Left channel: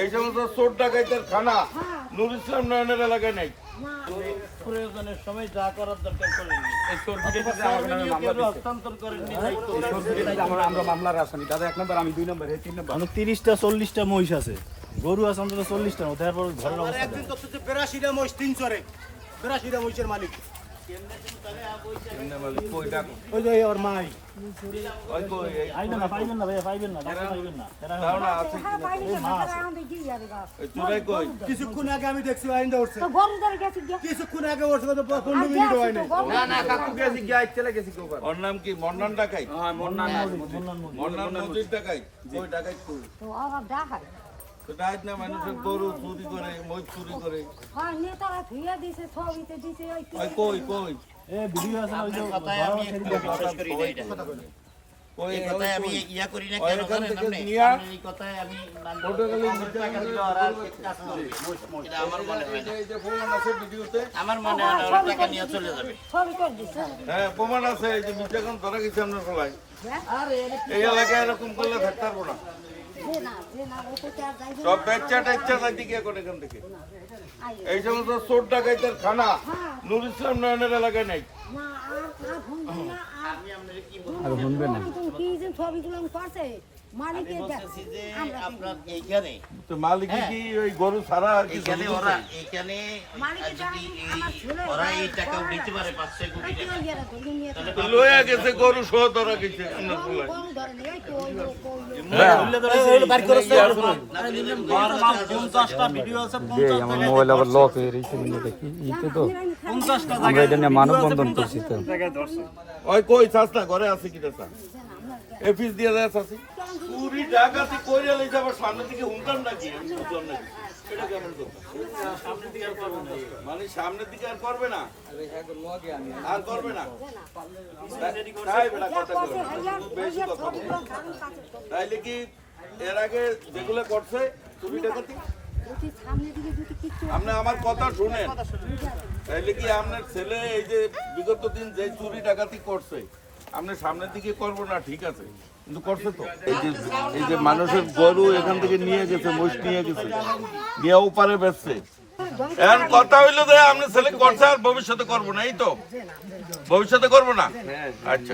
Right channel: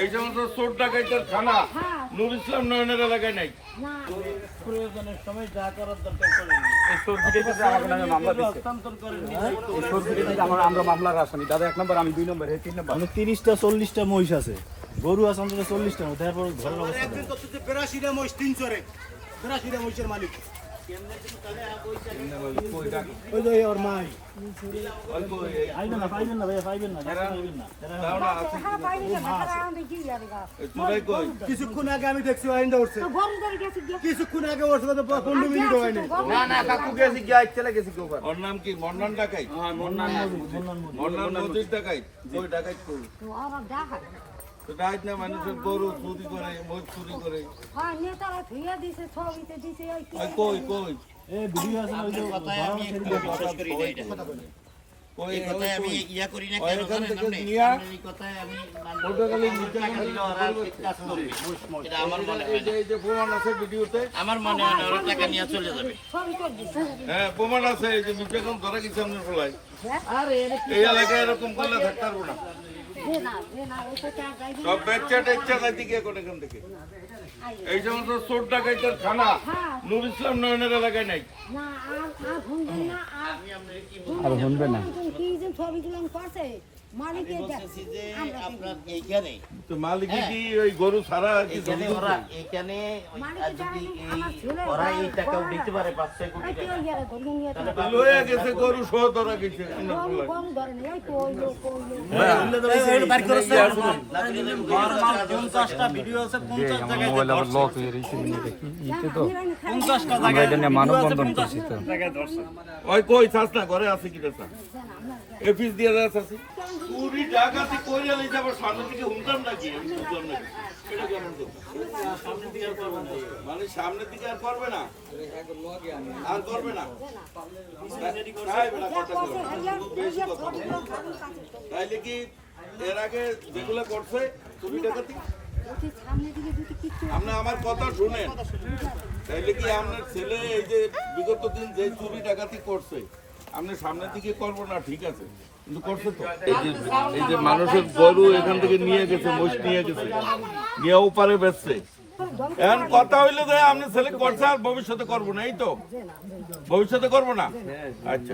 এই সমস্ত চোর ডাকাইতের খানা নুর ইসলাম নয়নের এলাকায় নাই। প্রয়োজনের সময় যা করার দরকার করেন হস্তান্তর করেন। আমরা মামলার আসামি দাদা 1 নম্বর, আমি 2 নম্বর, 3 নম্বর। মানে 30টা 40টা মহিষ আছে, গরু আছে অন্তত 40টা। তারপর ঘরের অবস্থা 82টা মহিষ 300 রে, 82টা মহিষের মালিক ওই যে ওর মাই। পাইবেন না, পাইবেন না ভাইয়া, পাইবেন না, পাইবেন না। কিছুক্ষণ আগে আমি দেখছি আইনটা উঠছে, কিছুক্ষণ আগে উঠছে, 15 মিনিট হয় নাই। ওর নাম কি? মন্ডন ডাকাইত। মন্ডন নদীর ডাকাইত। ওই ডাকাইত করুন তো ডাকাইত না, মানুষের গরু চুরি করে, মহিষ চুরি করে। ওই কই কই এ ভিডিও আছে না, ওই যে কই কথায় আমি ইয়া করি না কেন এখান জানেন থেকে আপনি? নিয়া এই কথায় আমি পটুয়াখালী টাকা দিলে ওরা কাজ করবে। এটা আমার মনে হয় না। এই যে প্রমাণ আছে ভিডিওতে। আমার মনে হয় না ওরা টাকা নিয়ে চলে যাবে। হ্যাঁ প্রমাণ আছে, এই যে মির্জাখান ধরা গেছে আপনার ফলায়। এই এলাকায় এরকম করলে থাকতে পারবো না। সব বেচ্চা টেচ্চা দিকে এখন এখান থেকে এই সমস্ত চোর ডাকাইতের খানা নুর ইসলাম নয়নের এলাকায় নাই। আর শুনবে না বলতেছি যে আপনার এইখানে তো মালিক কি ওই গরু ছাড়া এইখানে ওরা এইখানে যদি ওরা এই টাকা উঠাইতে পারে 5-6 কোটি টাকা লয়ে গেছে গরু সহ ধরা গেছে আপনার ফলায়। পঞ্চাশটা ভিডিও আছে, 50 জায়গায় 50টা জায়গায় মানববন্ধন করছি তো। ওই কই চাষটা ঘরে আছে কি চাষা এফিস দিয়ে যাচ্ছে আছে পুরি জায়গাতে কইরে লই যাব সামনে থেকে হুনতাম নাকি বুঝলাম না এটা কেমন তো সামনে দিকে আর করবে না মানে সামনের দিকে আর করবে না আর করবে না তাই বেটা কথা বলো বেশি কথা বলো তাইলে কি এর আগে যেগুলো করছে চুরি ডাকাতি আপনি আমার কথা শুনেন তাইলে কি আপনার ছেলে এই যে বিগত দিন যে চুরি ডাকাতি করছে আপনি সামনের দিকে করবো না ঠিক আছে কিন্তু করছে তো এই যে মানুষের গরু এখান থেকে নিয়ে গেছে মোষ নিয়ে গেছে নিয়ে ওপারে বেচছে এখন কথা হইলো যে আপনি ছেলে করছে আর ভবিষ্যতে করবো না এই তো ভবিষ্যতে করবো না আচ্ছা